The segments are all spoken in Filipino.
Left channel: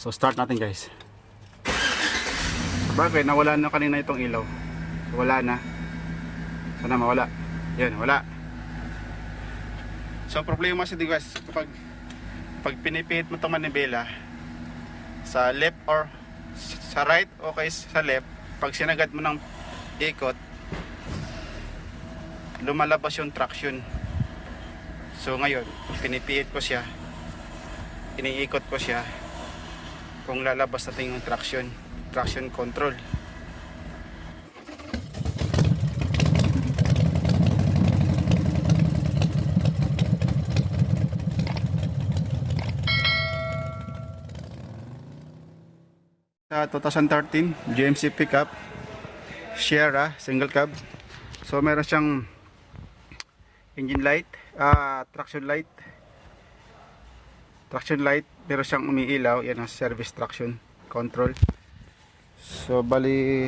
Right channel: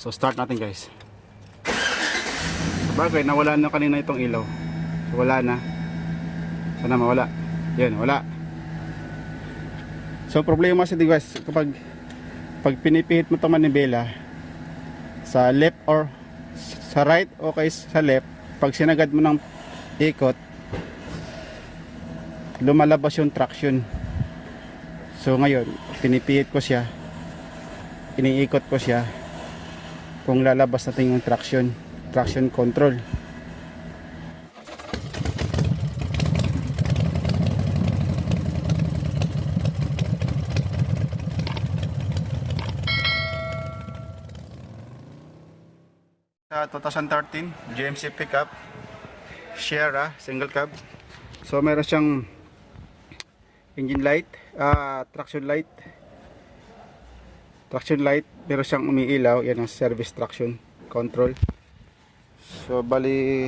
So start natin guys. Sabagay nawala na kanina itong ilaw. So, wala na. Sana mawala. Yan, wala. So problema sa guys, kapag pinipihit mo itong manibela sa left or sa right o kay sa left, pag sinagad mo ng ikot, lumalabas yung traction. So ngayon, pinipihit ko siya, iniikot ko siya kung lalabas natin yung traction control. Sa 2013 GMC pickup Sierra single cab. So meron siyang engine light, traction light, meron siyang umiilaw, yan ang service traction control. So bali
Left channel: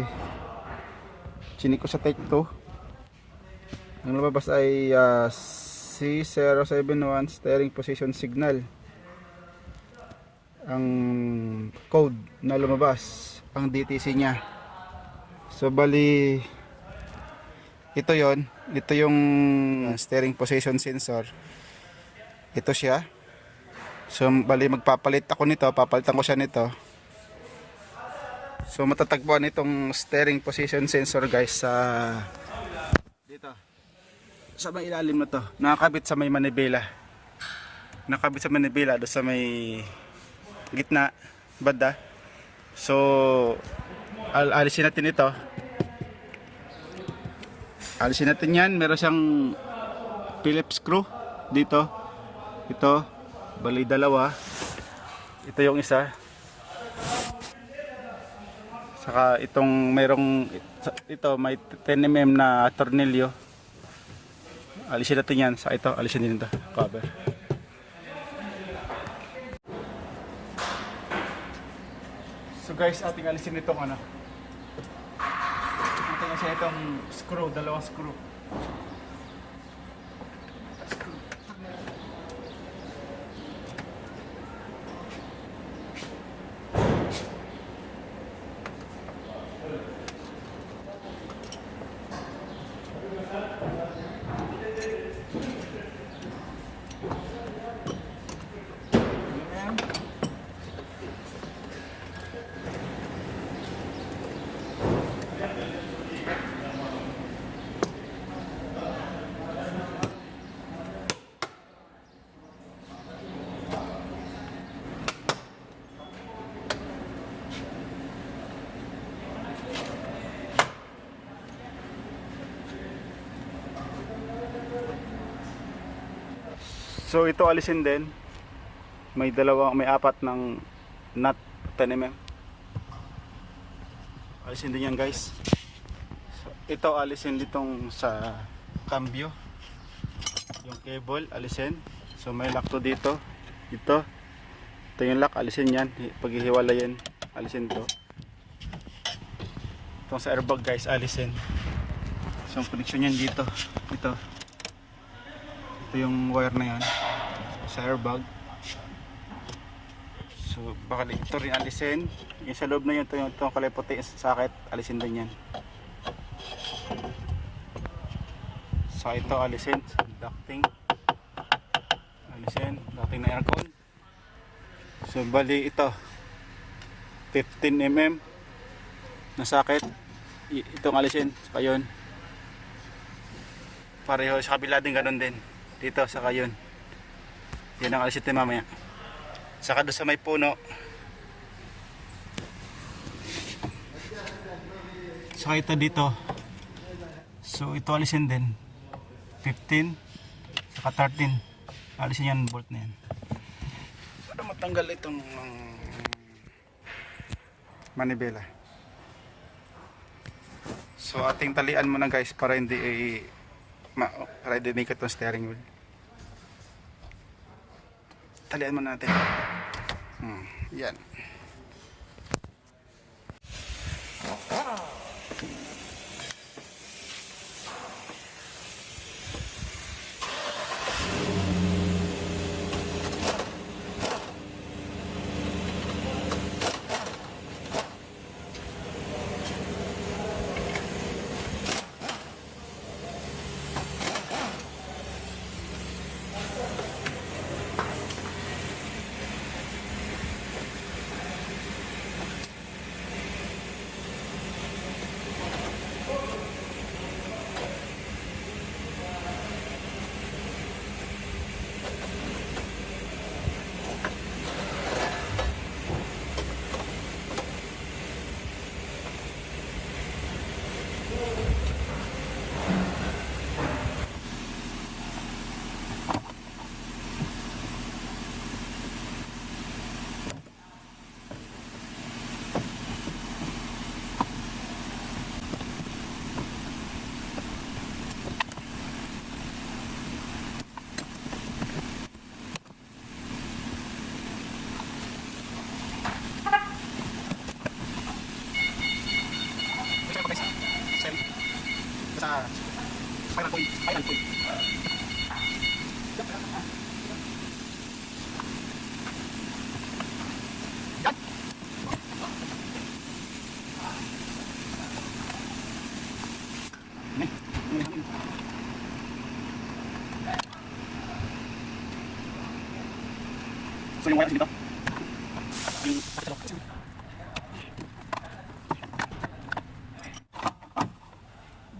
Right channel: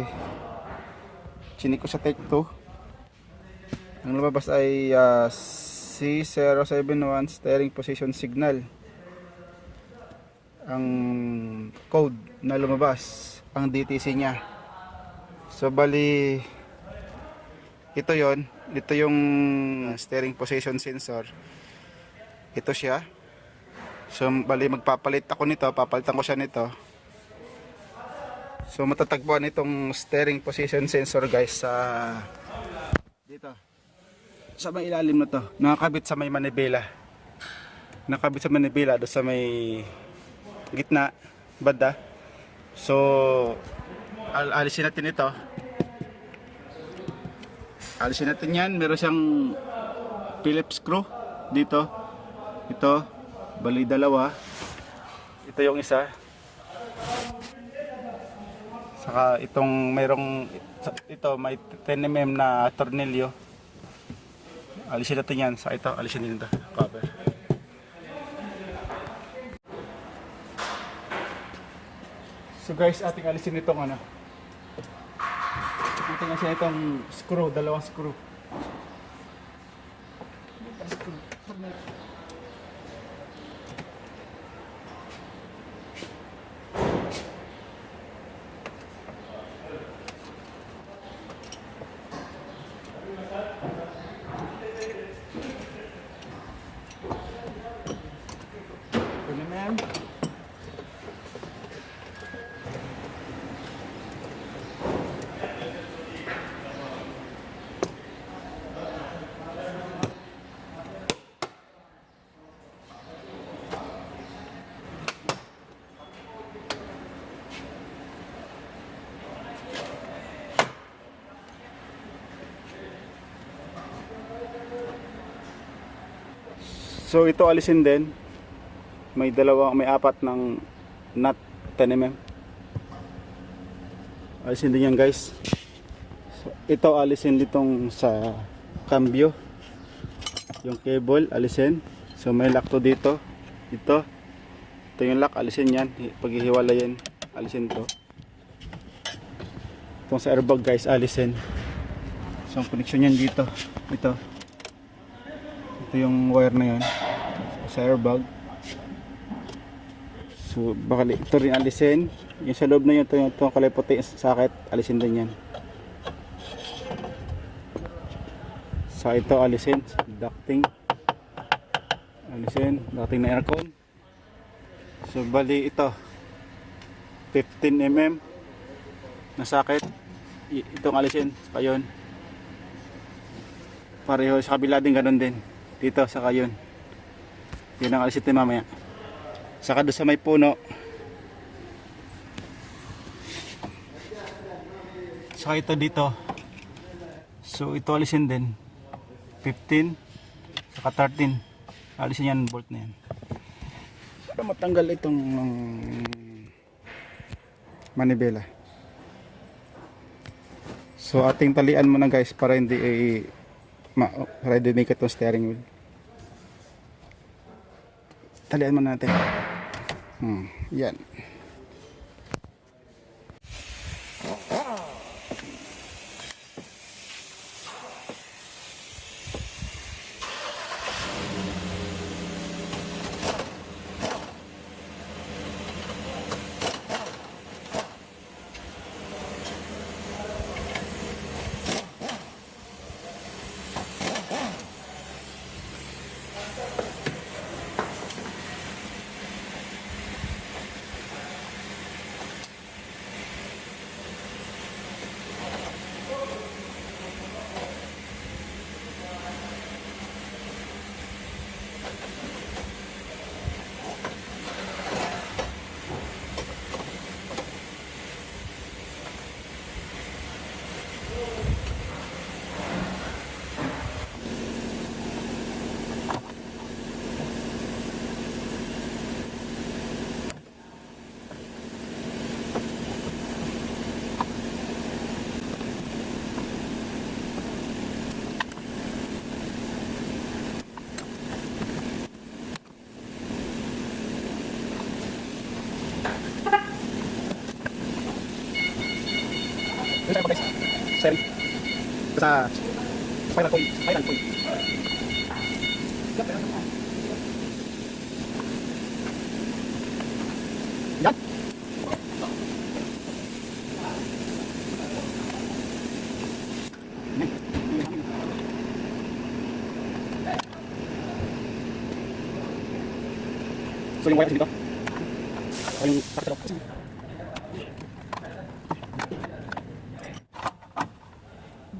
chinik ko sa take 2. Ang lumabas ay C0710 steering position signal. Ang code na lumabas, ang DTC niya. So bali ito yung steering position sensor. Ito siya. So bali magpapalit ako nito, papalitan ko siya nito. So matatagpuan itong steering position sensor guys sa dito. Sa may ilalim na to, nakakabit sa may manibela. Nakabit sa manibela do sa may gitna, banda. So alisin natin ito. Alisin natin yan. Meron siyang Phillips screw dito. Ito, bali dalawa. Ito yung isa. Saka itong mayroong ito may 10 mm na tornilyo. Alisin natin yan. Sa ito, alisin din ito. Cover. So guys, ating alisin itong ano. Ito nga siya itong screw, dalawang screw. So ito alisin din. May apat ng nut 10 mm. Alisin din yan guys. So, ito alisin ditong sa cambio. Yung cable alisin. So may lock to dito. Ito yung lock, alisin yan. Paghihiwalay yan, alisin to. Itong sa airbag guys, alisin. So ang connection yan dito. Ito yung wire na yan sa airbag. So baka ito rin alisin. Yung sa loob na yun, ito kalay puti sakit, alisin din yan. So ito alisin, ducting na aircon. So bali ito 15 mm na sakit, itong alisin. Saka yun pareho sa kabila din, ganun din dito, saka yun. Yan ang alisin natin mamaya. Saka doon sa may puno. Saka ito dito. So ito alisin din. 15 saka 13. Alisin yan, bolt na yan. Para matanggal itong manibela. So ating talian muna guys para hindi dumikit itong steering wheel. Talian muna natin. Yan. steering. Sa spiral point. Yan. So yung wala dito. Yung sakto.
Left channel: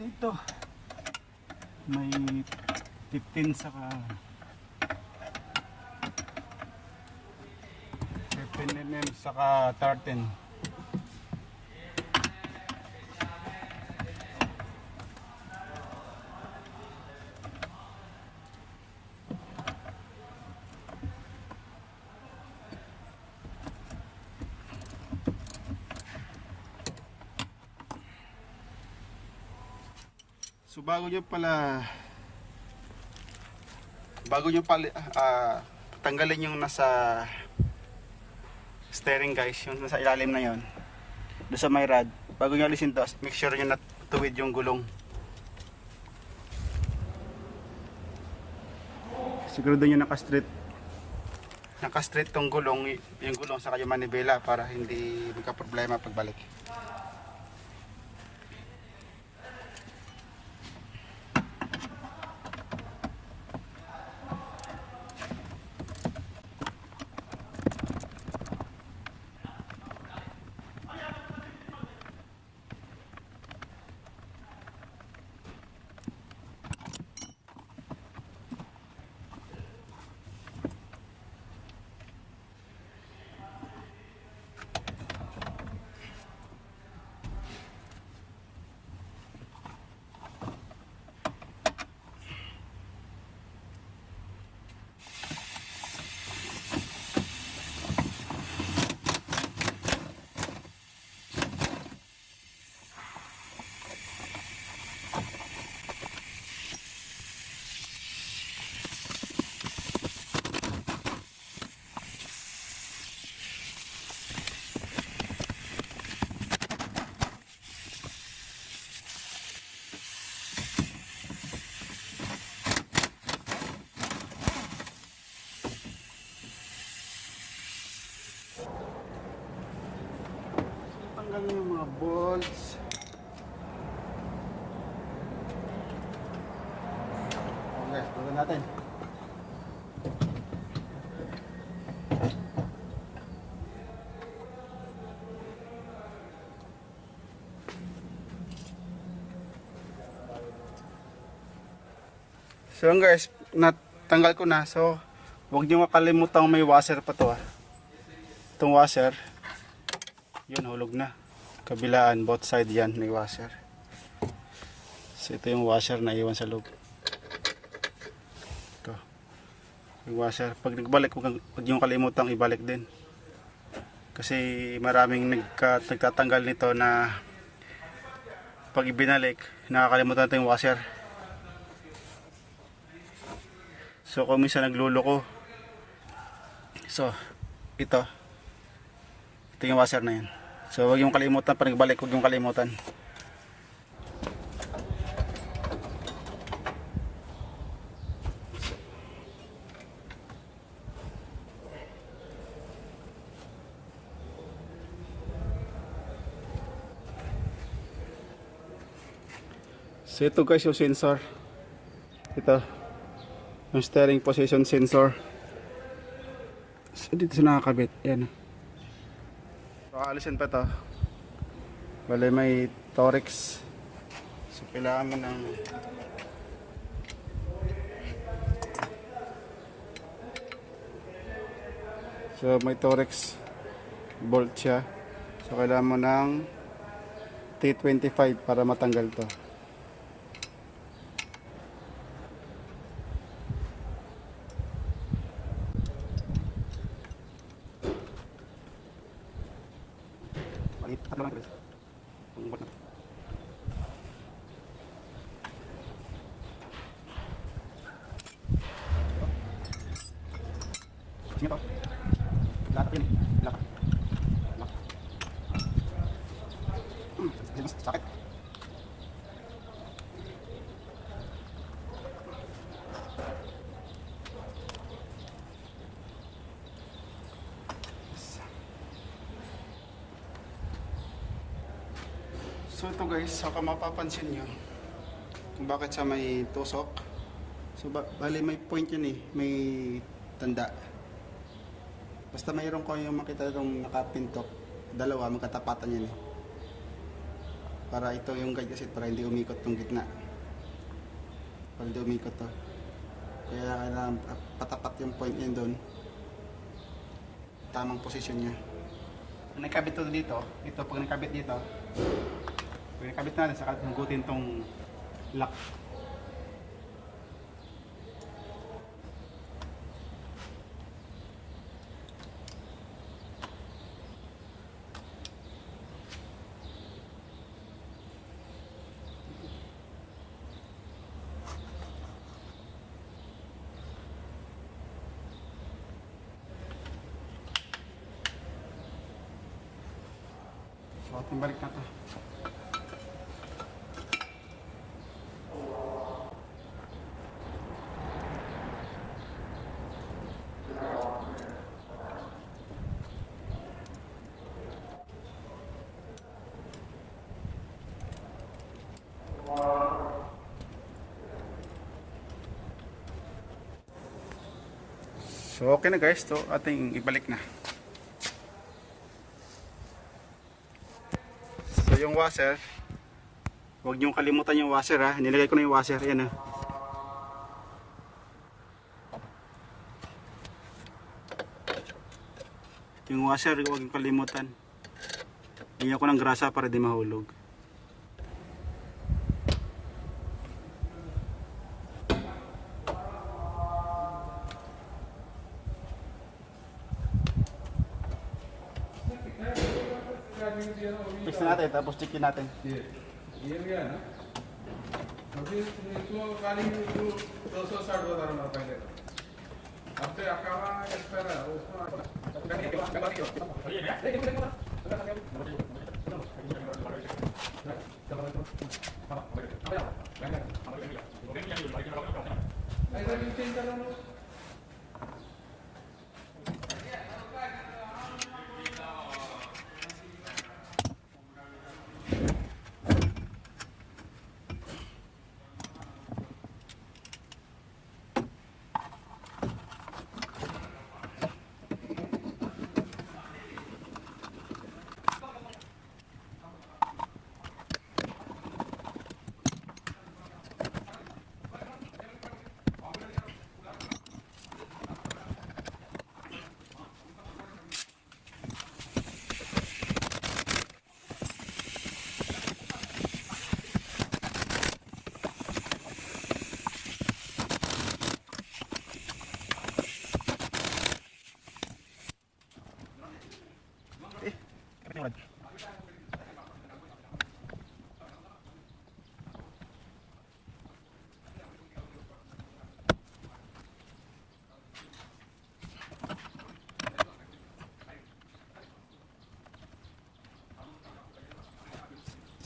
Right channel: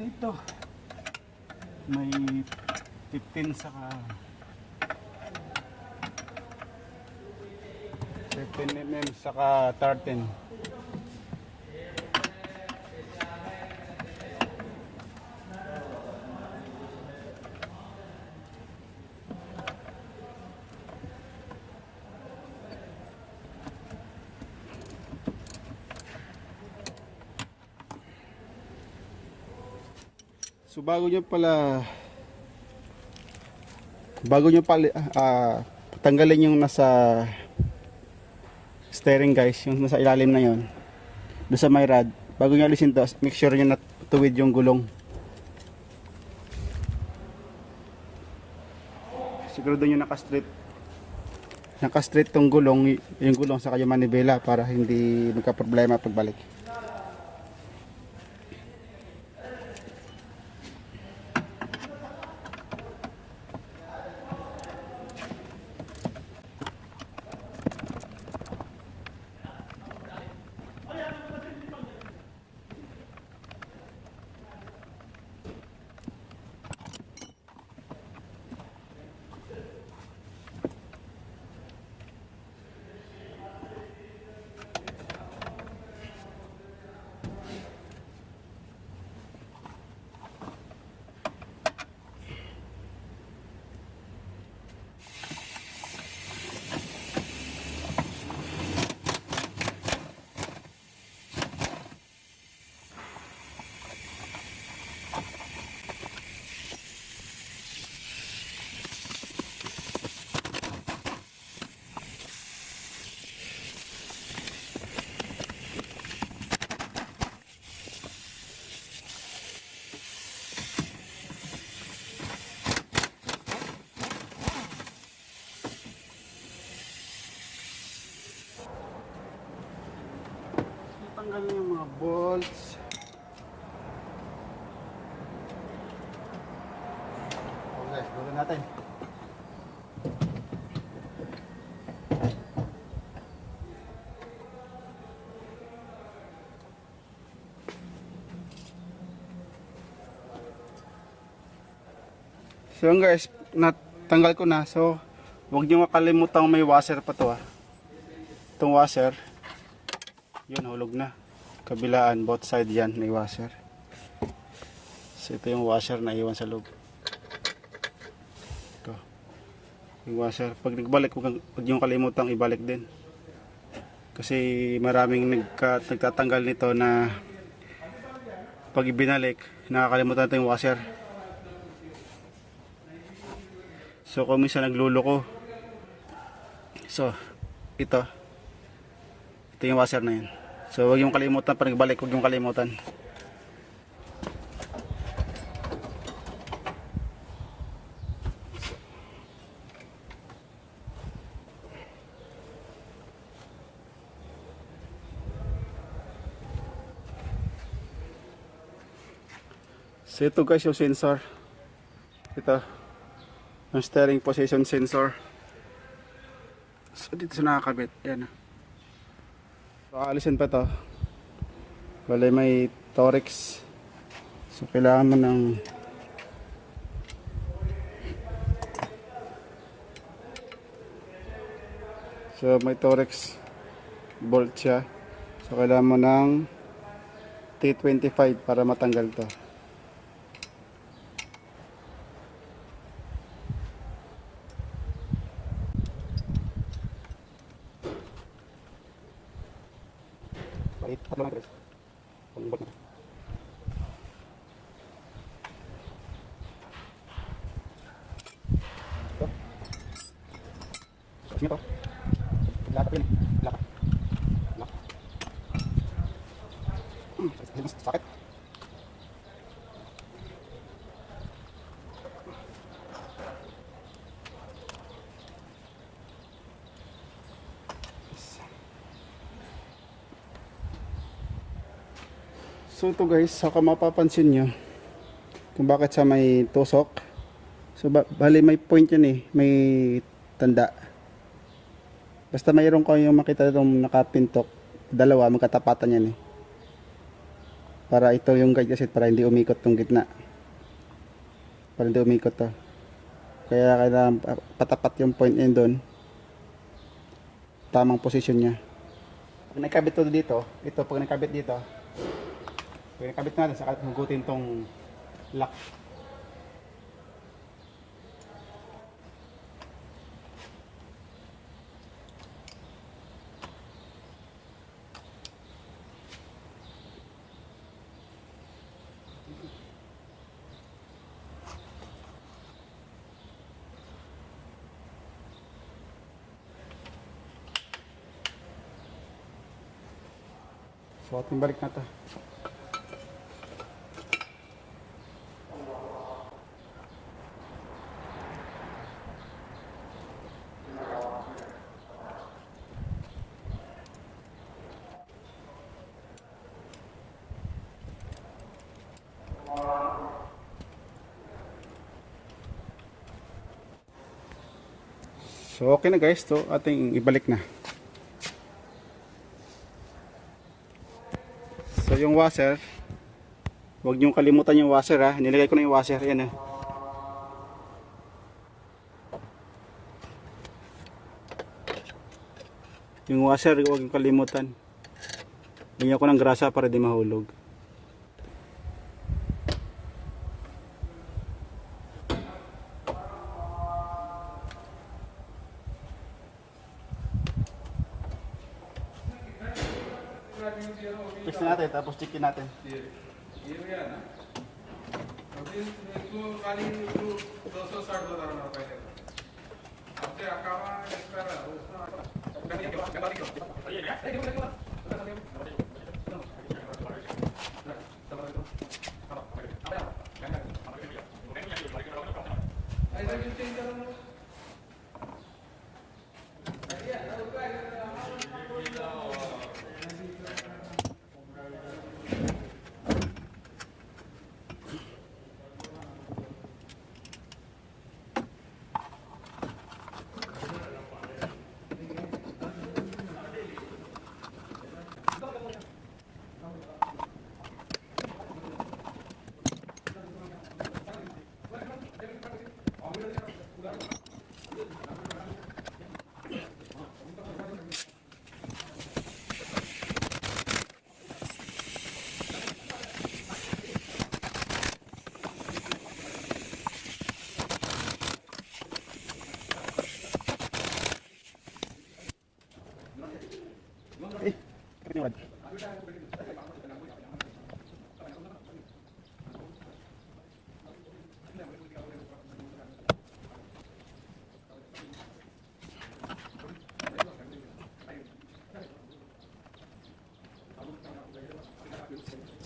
Dito may 15 saka 15 mm saka 13. So bago nyo tanggalin yung nasa steering guys, yung nasa ilalim na yon, doon sa may rod, bago nyo alisin to, make sure nyo na tuwid yung gulong. Sigurado nyo naka straight tong gulong, yung gulong sa yung manibela para hindi magka problema pagbalik. Tanggal na yung mga bolts. Okay, bulan natin. So yun guys, natanggal ko na. So huwag nyo makalimutang may washer pa to. Itong washer, yun, hulog na. Kabilaan, both side yan, may washer. So ito yung washer na iwan sa loob. Ito. Yung washer. Pag nagbalik, huwag yung kalimutang ibalik din. Kasi maraming nagtatanggal nito na pag ibinalik, nakakalimutan natin yung washer. So kung minsan nagluloko. So, ito yung washer na yan. So huwag yung kalimutan, pag nagbalik, huwag yung kalimutan. So ito guys yung sensor. Ito yung steering position sensor. So dito sa nakakabit. Yan. So alisin pa to. Bale may Torx. So kailangan mo ng may Torx bolt siya. So kailangan mo ng T25 para matanggal to. Balik, tatlo na ito. Pag-bolt na ito. Ito. Tapos nito. Lakat yun. Lakat. Lakat. Sakit. So ito guys, saka mapapansin nyo kung bakit sa may tusok. So bali may point yan eh, may tanda. Basta mayroon ko yung makita itong nakapintok, dalawa magkatapatan yan eh. Para ito yung guide kasi para hindi umikot tong gitna. Para hindi umikot to. Kaya kailangan patapat yung point yun doon. Tamang posisyon niya. Pag nakabit to dito, ito pag nakabit dito, pag nakabit natin, saka hugutin tong lock. So ating balik na to. So okay na guys, to ating ibalik na. So yung washer, huwag niyong kalimutan yung washer ha. Nilagay ko na yung washer, yan ha. Yung washer, huwag niyong kalimutan. Ganyan ko ng grasa para di mahulog. Fix na natin, tapos checkin natin. Hindi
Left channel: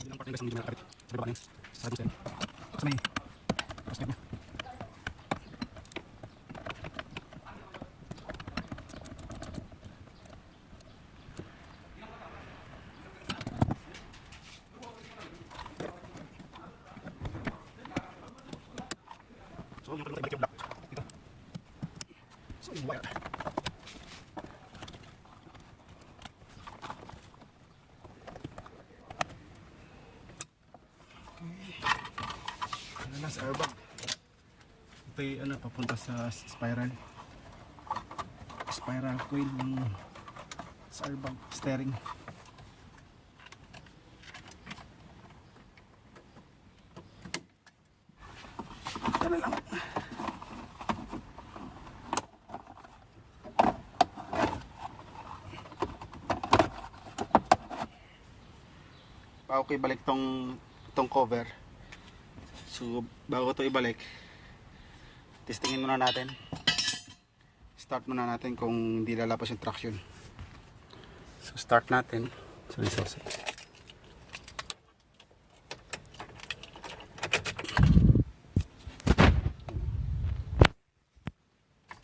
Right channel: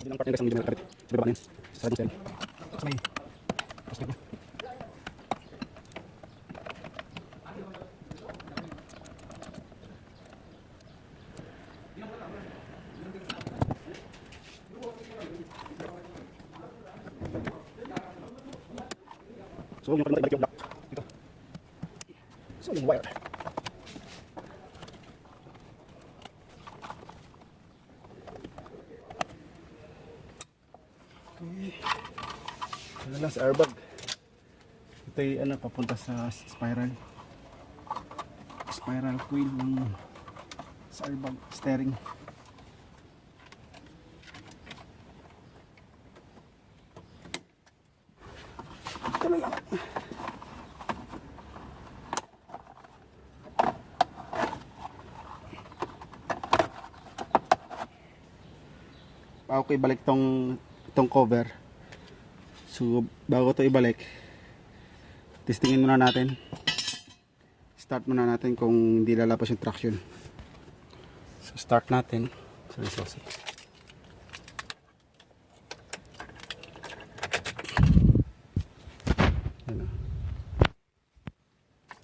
lang partner kasi medyo malapit. Sa baba na yun. Sa labong steering. Sa may prospect na. So yung kalimutan ibalik yung lock. Ito. So yung wire. Ano lang sa airbag. Ito yung ano, papunta sa spiral coil ng sa airbag steering. Ito na lang. Okay, balik tong cover. So bago ito ibalik, testingin muna natin. Start muna natin kung hindi lalapas yung traction. So start natin. Sorry.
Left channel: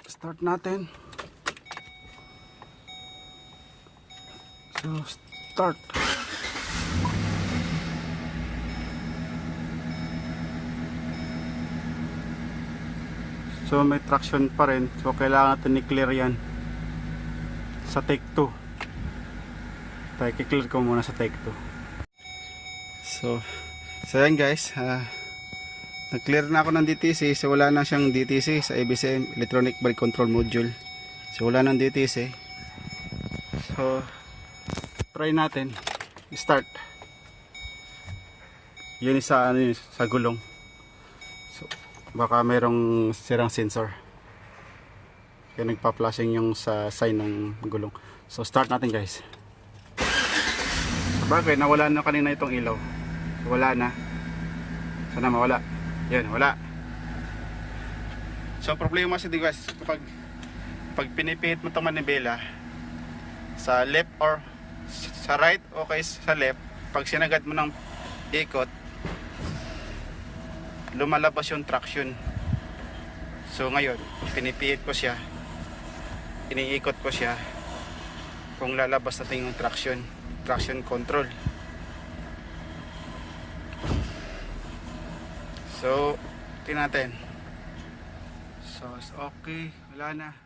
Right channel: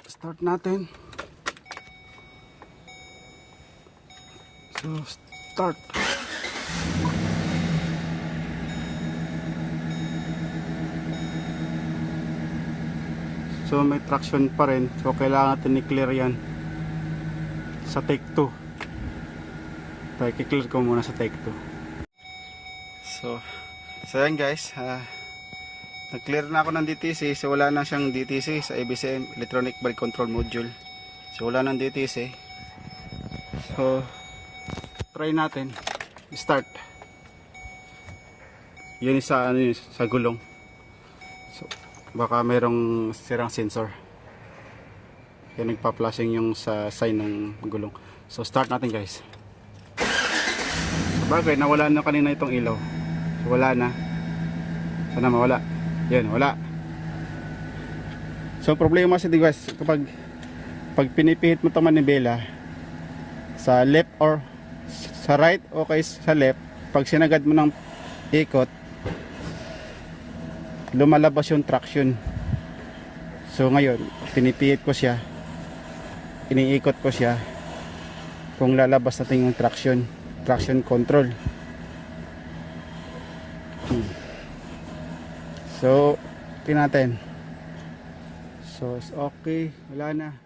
Start natin. So start. So may traction pa rin. So kailangan natin i-clear yan sa take 2. Tayo i-clear ko muna sa take 2. So yan guys, nag-clear na ako ng DTC. So wala na siyang DTC sa ABCM, Electronic Brake Control Module. So wala nang DTC. So try natin start. Yun sa sa gulong. So baka mayroong sirang sensor. Kaya nagpa-flashing yung sa sign ng gulong. So start natin guys. Sabagay nawala na kanina itong ilaw. So wala na. Sana mawala. Yan, wala. So problema sa guys, kapag pinipihit mo itong manibela sa left or sa right o kay sa left, pag sinagad mo ng ikot, lumalabas yung traction. So ngayon, pinipihit ko siya, iniikot ko siya kung lalabas natin yung traction control. So tingnan natin. So okay, wala na.